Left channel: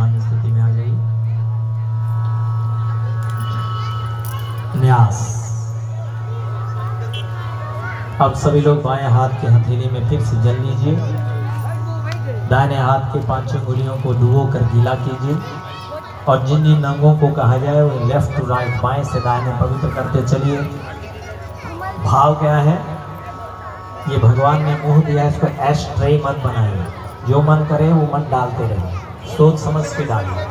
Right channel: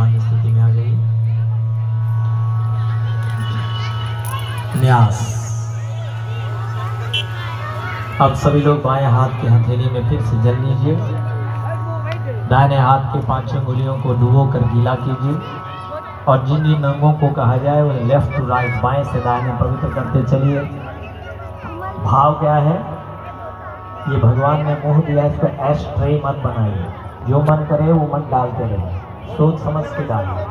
सामान्य स्थिति में आ जाइए। न्यास। अब सभी लोग बाएं हाथ की हथेली में फिर से जल लीजिए। दाहिने हाथ के 5 उंगलियों को डुबो कर गीला कीजिए और जिन जिन अंगों को कहा जाए वो लेफ्ट टू राइट, बाएं से दाहिने पवित्र करते चलिए। भाव क्या है? ये भगवान ने मुंह दिया, इसको एस्ट्रे मत बनाइए। जो मन करे वो मत डालते रहे, सोच समझ के डालिए।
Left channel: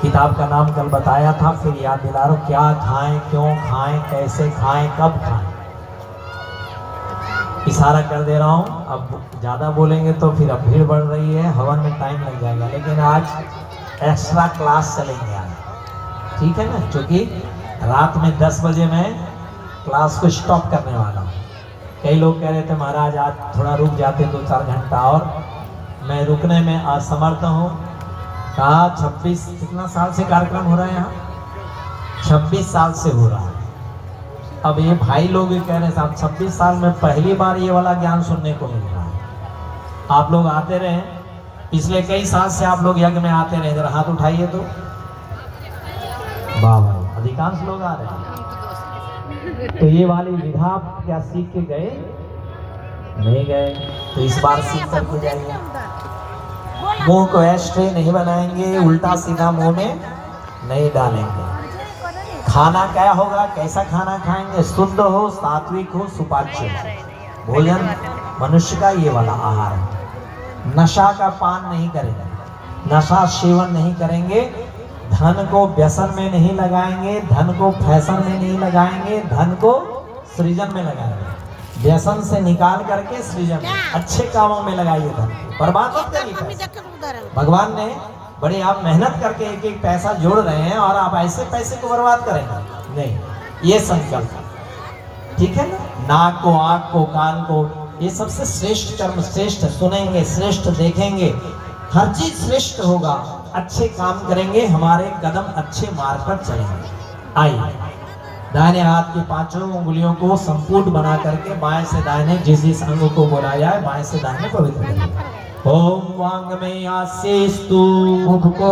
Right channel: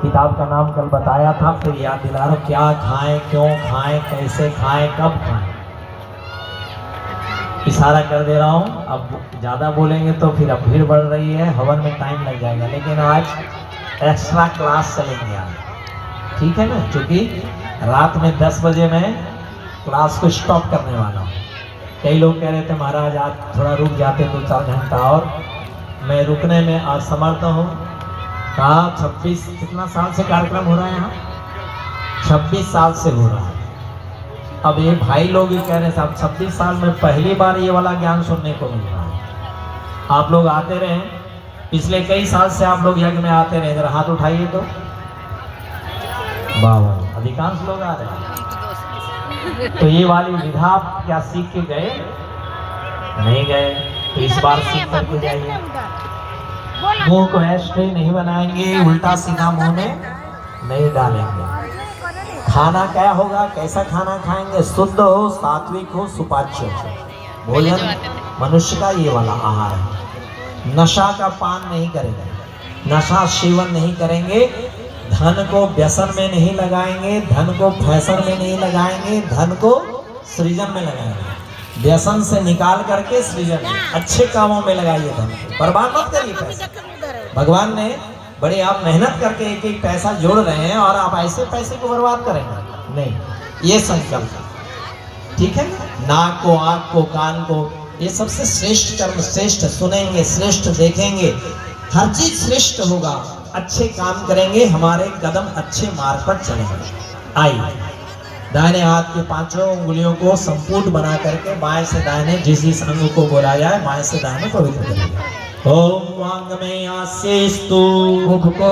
किताब का नाम कल बताया था, फिर याद दिला रहा हूं। क्या खाएं, क्यों खाएं, कैसे खाएं, कब खाएं, इशारा कर दे रहा हूं। अब ज़्यादा बोलेंगे तो फिर अब भीड़ बढ़ रही है, हवन में टाइम लग जाएगा। लेकिन आज एक्स्ट्रा क्लास चलेंगे आज, ठीक है ना? क्योंकि रात में 10 बजे मैं क्लास को स्टॉप करने वाला हूँ। कई लोग कह रहे थे महाराज आज थोड़ा रुक जाते 2-4 घंटा और, मैं रुकने में असमर्थ हूँ। कहा 26 कितना साल से कार्यक्रम हो रहा है यहाँ? 26 साल से हो रहा है। अब ये भाई लोग ही कह रहे हैं साहब 26 साल में पहली बार ये वाला ज्ञान सुनने को मिल रहा है। आप लोग आते रहे, पिछले कई साल से आप लोग यज्ञ में आते रहे। जरा हाथ उठाइए तो। वाह वाह, अधिकांश लोग आ रहे हैं। तो ये वाली विधा आप क्या सीख के गए? नहीं गए, तो इस बार सीख करके जाइए। मुंह को एस्ट्रे नहीं बनाएंगे, उल्टा सीधा मुंह में नहीं डालेंगे। खाना क्या होगा, कैसा खाना खाएंगे? शुद्ध हो, सात्विक हो, सुपाच्य हो। भोजन मनुष्य का ये वाला आहार है। नशा का पान नहीं करेंगे, नशा सेवन नहीं करेंगे, धन को व्यसन में नहीं लगाएंगे, धन को फैशन में नहीं लगाएंगे, धन को सृजन में लगाएंगे। व्यसन से निकाल करके सृजन में, अच्छे कामों में लगाइए। धन को बर्बाद मत करिए। पैसे भगवान ने बड़े, आप मेहनत करके एक एक पैसा जोड़ रहे हैं और आप ऐसे पैसे को बर्बाद करेंगे नहीं, ये संकल्प, ठीक है ना? नाक को, आंख को, कान को, ये सबसे श्रेष्ठ कर्म, श्रेष्ठ सुनेंगे, श्रेष्ठ देखेंगे, हर चीज श्रेष्ठ होगा। अच्छे काम करेंगे, हमारे कदम अच्छे मार्ग पर चलेंगे। आइए, दाहिने हाथ के 5 उंगलियों को संपूर्ण बना करके बाएं से दाहिने जिस जिस अंग को बोला जाए बाएं से दाहिने पवित्र करिए। ओम वांग में आसेस्तु, मुख को,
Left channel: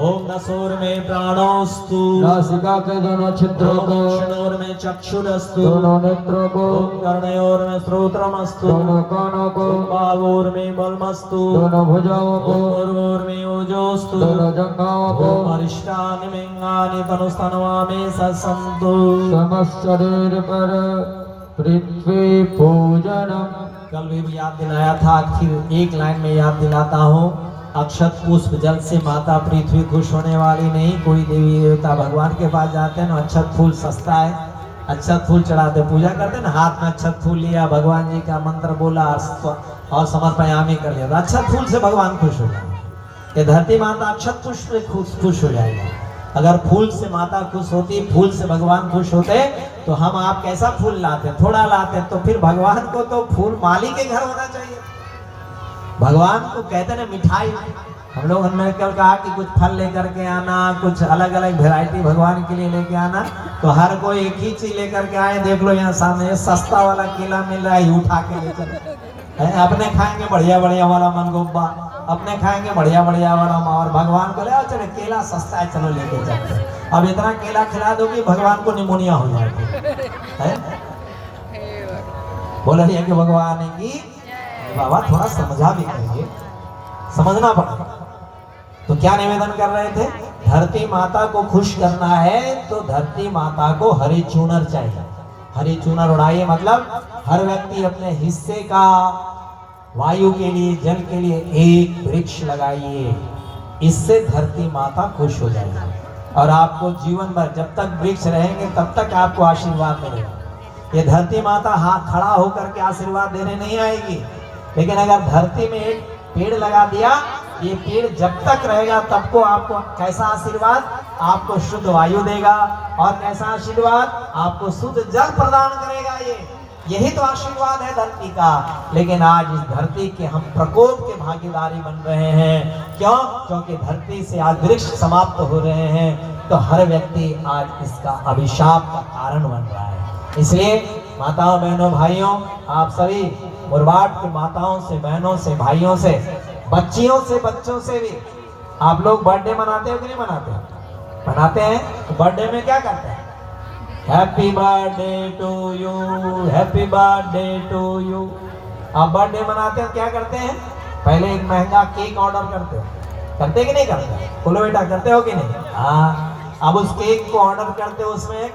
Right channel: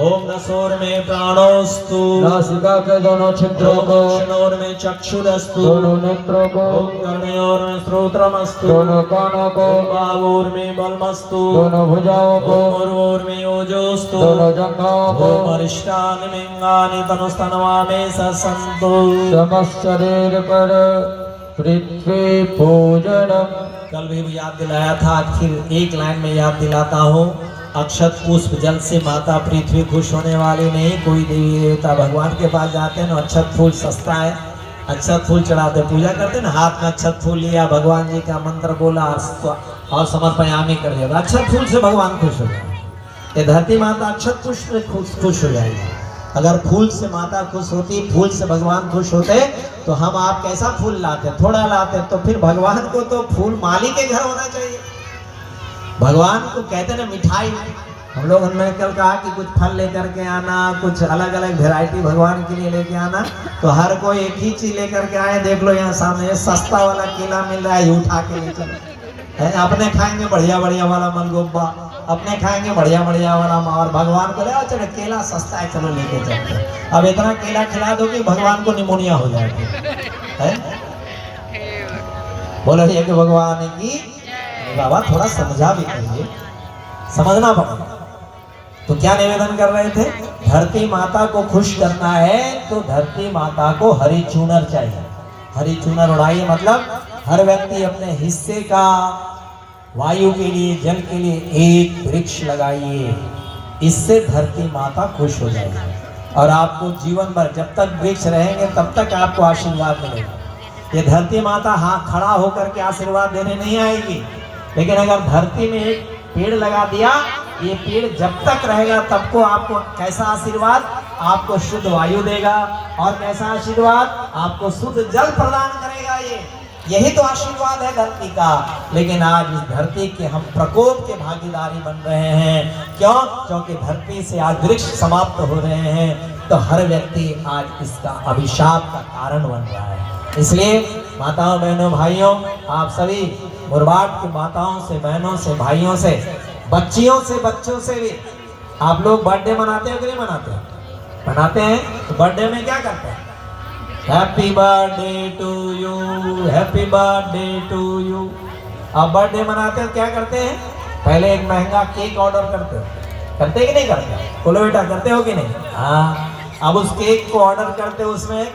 ओम नसोर में प्राणोस्तु, नासिका के दोनों छिद्रों को, दक्षिणोर में चक्षुरस्तु, दोनों नेत्रों को, ओम कर्णयोर में श्रोत्रमस्तु, दोनों कानों को, ओम बाहुर में बलमस्तु, दोनों भुजाओं को, ओम उरोर में ओजोस्तु, दोनों जंघाओं को, ओम अरिष्टानि लिंगानि तनुस्तनवा में ससंतु। समस्त शरीर पर पृथ्वी पूजनम। कल भी याद दिलाया था, फिर एक लाइन में याद दिलाता हूँ। अक्षत पुष्प जल से माता पृथ्वी खुश होने वाली नहीं। कोई देवी देवता भगवान के पास जाते हैं ना, अक्षत फूल सस्ता है, अक्षत फूल चढ़ाते, पूजा करते ना, हाथ में अक्षत फूल लिया, भगवान जी का मंत्र बोला और समर्पयामी कर दिया, अक्षत फूल से भगवान खुश हो जाए। ये धरती माता अक्षत पुष्प से खुश हो जाएगी। अगर फूल से माता खुश होती, फूल से भगवान खुश होते, तो हम आप कैसा फूल लाते? थोड़ा लाते। तो फिर भगवान को तो फूल माली के घर होना चाहिए। भगवान को कहते ना मिठाई। हम लोग हमने कल कहा कि कुछ फल लेकर के आना, कुछ अलग अलग वैरायटी भगवान के लिए लेके आना। तो हर कोई एक ही चीज लेकर के आए। देख लो यहाँ सामने सस्ता वाला केला मिल रहा है, उठा के ले चलो। अपने खाएंगे बढ़िया बढ़िया वाला मनगोब्बा, अपने खाएंगे बढ़िया बढ़िया वाला मावर। भगवान को ले चलो केला सस्ता है, चलो लेके चलते। अब इतना केला खिला दो कि भगवान को निमोनिया हो जाएगा। बोलो ये कि भगवान की बाबा थोड़ा समझा भी करिए, समझना पड़ेगा। तो क्या निवेदन कर रहे थे? धरती माता को खुश करना है तो धरती माता को हरी चूनर चाहिए। हरी चूनर उड़ाइए, मतलब हर व्यक्ति अपने हिस्से का वायु के लिए, जल के लिए एक वृक्ष लगाइए। इससे धरती माता खुश हो जाएगी और आपको जीवन भर जब तक वृक्ष रहेंगे तब तक आपको आशीर्वाद मिलेगा। ये धरती माता हाथ खड़ा होकर के आशीर्वाद देने नहीं आएगी, लेकिन अगर धरती में एक पेड़ लगा दिया, ये पेड़ जब तक रहेगा तब को आपको कैसा आशीर्वाद? आपको शुद्ध वायु देगा। और कैसा आशीर्वाद? आपको शुद्ध जल प्रदान करेगा। यही तो आशीर्वाद है धरती का। लेकिन आज इस धरती के हम प्रकोप के भागीदारी बन रहे हैं। क्यों? क्योंकि धरती से आज वृक्ष समाप्त हो रहे हैं, तो हर व्यक्ति आज इसका अभिशाप का कारण बन रहा है। इसलिए माताओं, बहनों, भाइयों, आप सभी मुरबाड की माताओं से, बहनों से, भाइयों से, बच्चियों से, बच्चों से भी आप लोग बर्थडे मनाते हो कि नहीं मनाते हो? मनाते हैं। तो बर्थडे में क्या करते हैं? Happy birthday to you, happy birthday to you. आप बर्थडे मनाते हो क्या करते हैं? पहले एक महंगा केक ऑर्डर करते हो, करते कि नहीं करते? बोलो बेटा, करते हो कि नहीं? हाँ। अब उस केक को ऑर्डर करते हो, उसमें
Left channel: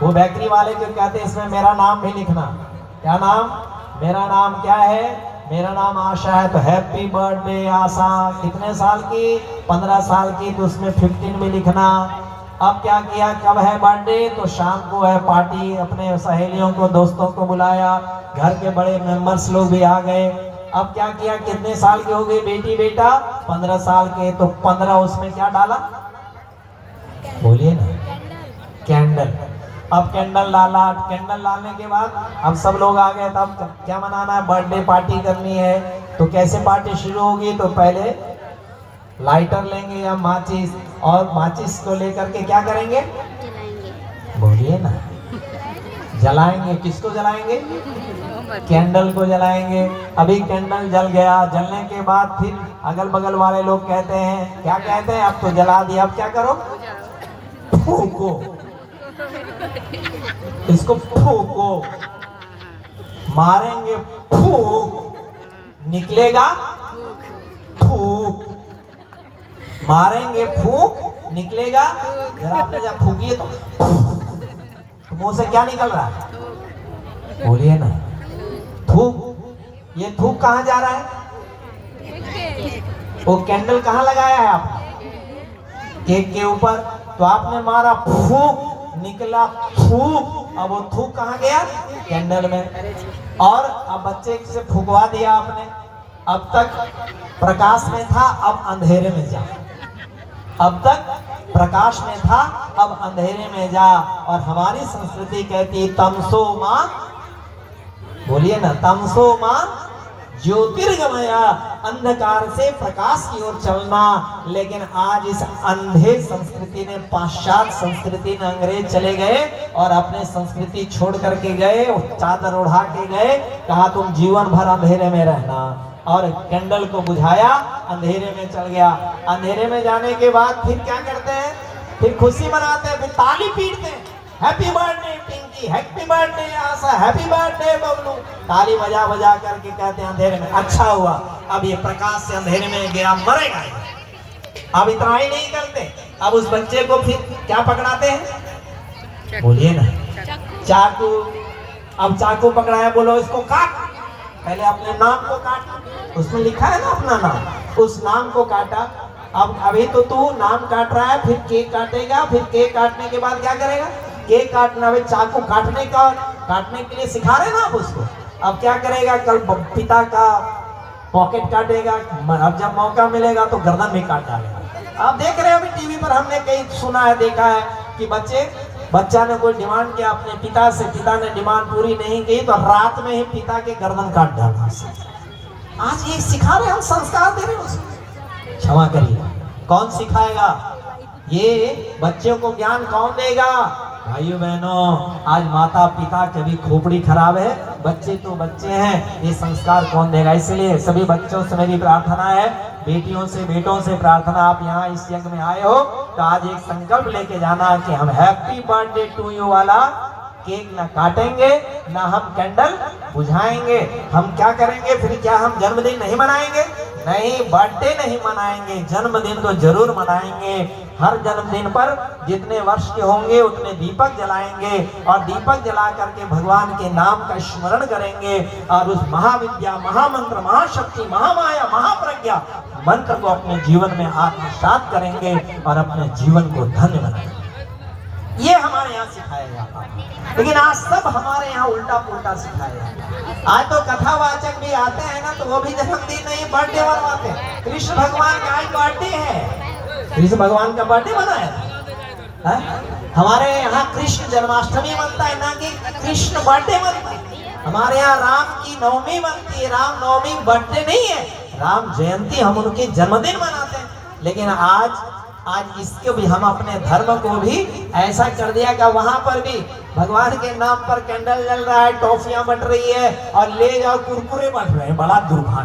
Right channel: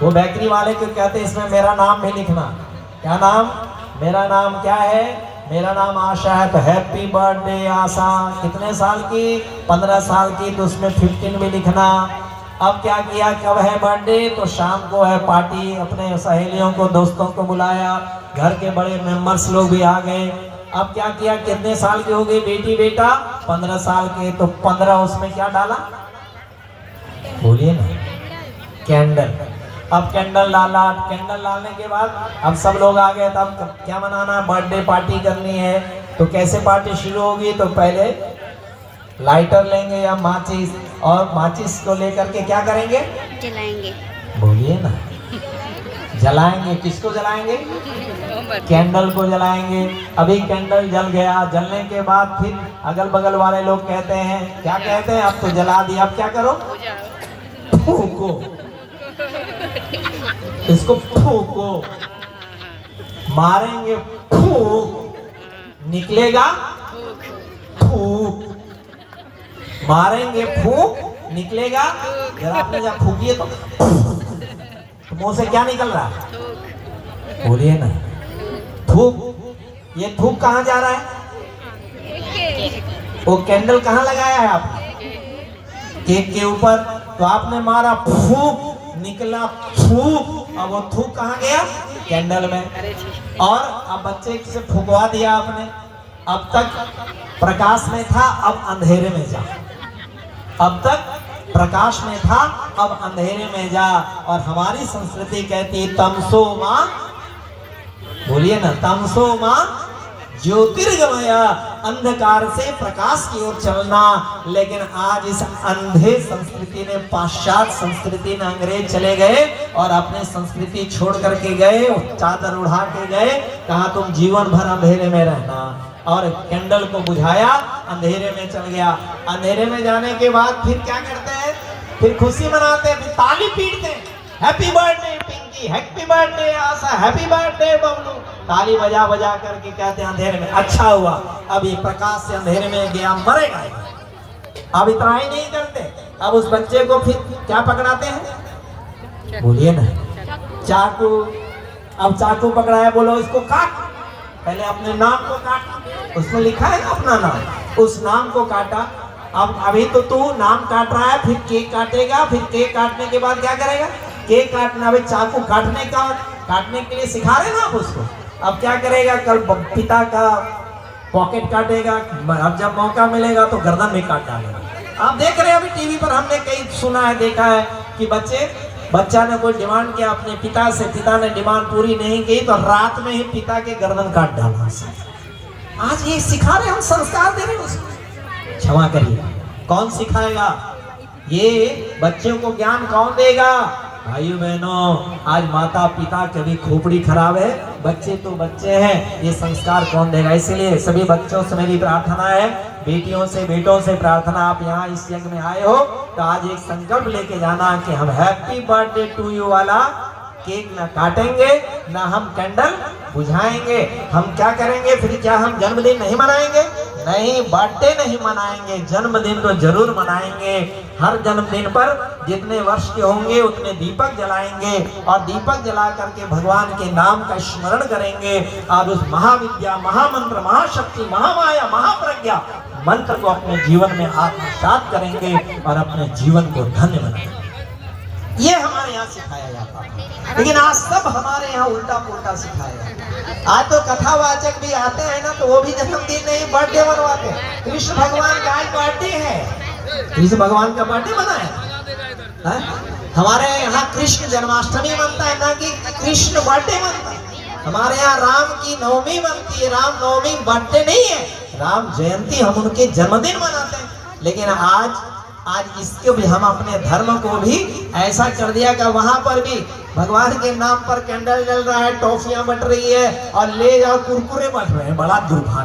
वो बेकरी वाले को कहते हैं इसमें मेरा नाम भी लिखना। क्या नाम? मेरा नाम क्या है? मेरा नाम आशा है। तो हैप्पी बर्थडे आशा। कितने साल की? 15 साल की। तो उसमें 15 भी लिखना। अब क्या किया, कब है बर्थडे? तो शाम को है पार्टी, अपने सहेलियों को दोस्तों को बुलाया, घर के बड़े मेंबर्स लोग भी आ गए। अब क्या किया, कितने साल के हो गए बेटी बेटा? 15 साल के। तो 15 उसमें क्या डाला? बोलिए ना। कैंडल। अब कैंडल डाला। कैंडल डालने के बाद अब सब लोग आ गए। तब क्या मनाना? बर्थडे पार्टी करनी है। तो कैसे पार्टी शुरू होगी? तो पहले लाइटर लेंगे या माचिस, और माचिस को लेकर के क्या करेंगे? जलाएंगे। बोलिए ना। जलाएंगे। किसको जलाएंगे? कैंडल को जलाएंगे। अभी कैंडल जल गया, जलने के बाद फिर अगल बगल वाले लोग कहते हैं, क्या कहते हैं? अब तो जला दिया, अब क्या करो? फूको। इसको फूको, मारेंगे फूक, निकलेगा फूक। मारेंगे फूक, निकलेगा। जरा आपने जब फूकी है तो मुंह से क्या निकल रहा है? बोलिए ना। थूक। ये थूक कहाँ जा रहा है? वो कैंडल कहाँ लगाया है आपने? केक के ऊपर। तो आपने मारा फूक, निकला थूक। अब वो थूक कहाँ गया? कैंडल में। और अब बच्चे से फुकवा दिया आपने। अब तक प्रकाश में था, अब अंधेरे में जा। अब तक प्रकाश में था, अब अंधेरे में जा। और हमारी संस्कृति कहती तमसो मां, बोलिए ना, तमसो मां ज्योतिर्गमया, अंधकार से प्रकाश की ओर चलना। लेकिन आज इस अंधे संस्कृति ने, पाश्चात्य संस्कृति ने, अंग्रेज चले गए और अपने संस्कृति छोड़ करके गए, चादर उड़ा के गए, कहा तुम जीवन भर अंधेरे में रहना। और कैंडल को बुझाया, अंधेरे में चल गया। अंधेरे में जाने के बाद फिर क्या करते हैं? फिर खुशी मनाते हैं, फिर ताली पीटते हैं। Happy birthday Pinky, happy birthday Asha, happy birthday Bablu. ताली बजा बजा करके कहते हैं अंधेरे में। अच्छा हुआ, अब ये प्रकाश से अंधेरे में गया, मरेगा। अब इतना ही नहीं करते, अब उस बच्चे को फिर क्या पकड़ाते हैं? बोलिए ना। चाकू। अब चाकू पकड़ाया, बोलो इसको काट। पहले अपने नाम को काट, उसमें लिखा है ना अपना नाम, उस नाम को काटा। अब अभी तो तू नाम काट रहा है, फिर केक काटेगा। फिर केक काटने के बाद क्या करेगा? केक काटना। अभी चाकू काटने के लिए सिखा रहे ना आप उसको। अब क्या करेगा? कल पिता का पॉकेट काटेगा। अब जब मौका मिलेगा तो गर्दन भी काट डालेगा। आप देख रहे हो अभी टीवी पर, हमने कई सुना है, देखा है कि बच्चा ने कोई डिमांड किया अपने पिता से, पिता ने डिमांड पूरी नहीं की तो रात में ही पिता के गर्दन काट डाला। आज ये सिखा रहे, हम संस्कार दे रहे हैं उसको। क्षमा करिए, कौन सिखाएगा? ये बच्चों को ज्ञान कौन देगा? भाइयों बहनों, आज माता पिता की भी खोपड़ी खराब है, बच्चे तो बच्चे हैं, ये संस्कार कौन देगा? इसलिए सभी बच्चों से मेरी प्रार्थना है, बेटियों से बेटों से प्रार्थना, आप यहाँ इस यज्ञ में आए हो तो आज एक संकल्प लेके जाना कि हम हैप्पी बर्थडे टू यू वाला केक ना काटेंगे, ना हम कैंडल बुझाएंगे। हम क्या करेंगे फिर? क्या हम जन्मदिन नहीं मनाएंगे? नहीं, बर्थडे नहीं मनाएंगे, जन्मदिन तो जरूर मनाएंगे। हर जन्मदिन पर जितने वर्ष के होंगे उतने दीपक जलाएंगे और दीपक जला करके भगवान के नाम का स्मरण करेंगे और उस महाविद्या, महामंत्र, महाशक्ति, महामाया, महाप्रज्ञा मंत्र को अपने जीवन में आत्मसात करेंगे और अपने जीवन को धन्य बनाएंगे। ये हमारे यहाँ सिखाया जाता है, लेकिन आज सब हमारे यहाँ उल्टा पुल्टा सिखाया जाता है। आज तो कथावाचक भी आते हैं ना, तो वो भी जन्मदिन नहीं बर्थडे मनवाते हैं। कृष्ण भगवान का आज बर्थडे है, कृष्ण भगवान का बर्थडे मनाया है। हमारे यहाँ कृष्ण जन्माष्टमी मनता है, ना कि कृष्ण बर्थडे मनता है। हमारे यहाँ राम की नवमी मनती है, राम नवमी बर्थडे नहीं है, राम जयंती, हम उनके जन्मदिन मनाते हैं। लेकिन आज इसके भी हम अपने धर्म को भी ऐसा कर दिया कि वहां पर भी भगवान के नाम पर कैंडल जल रहा है, टॉफियां बट रही है और ले जाओ कुरकुरे बट रहे हैं। बड़ा दुर्भाग्य।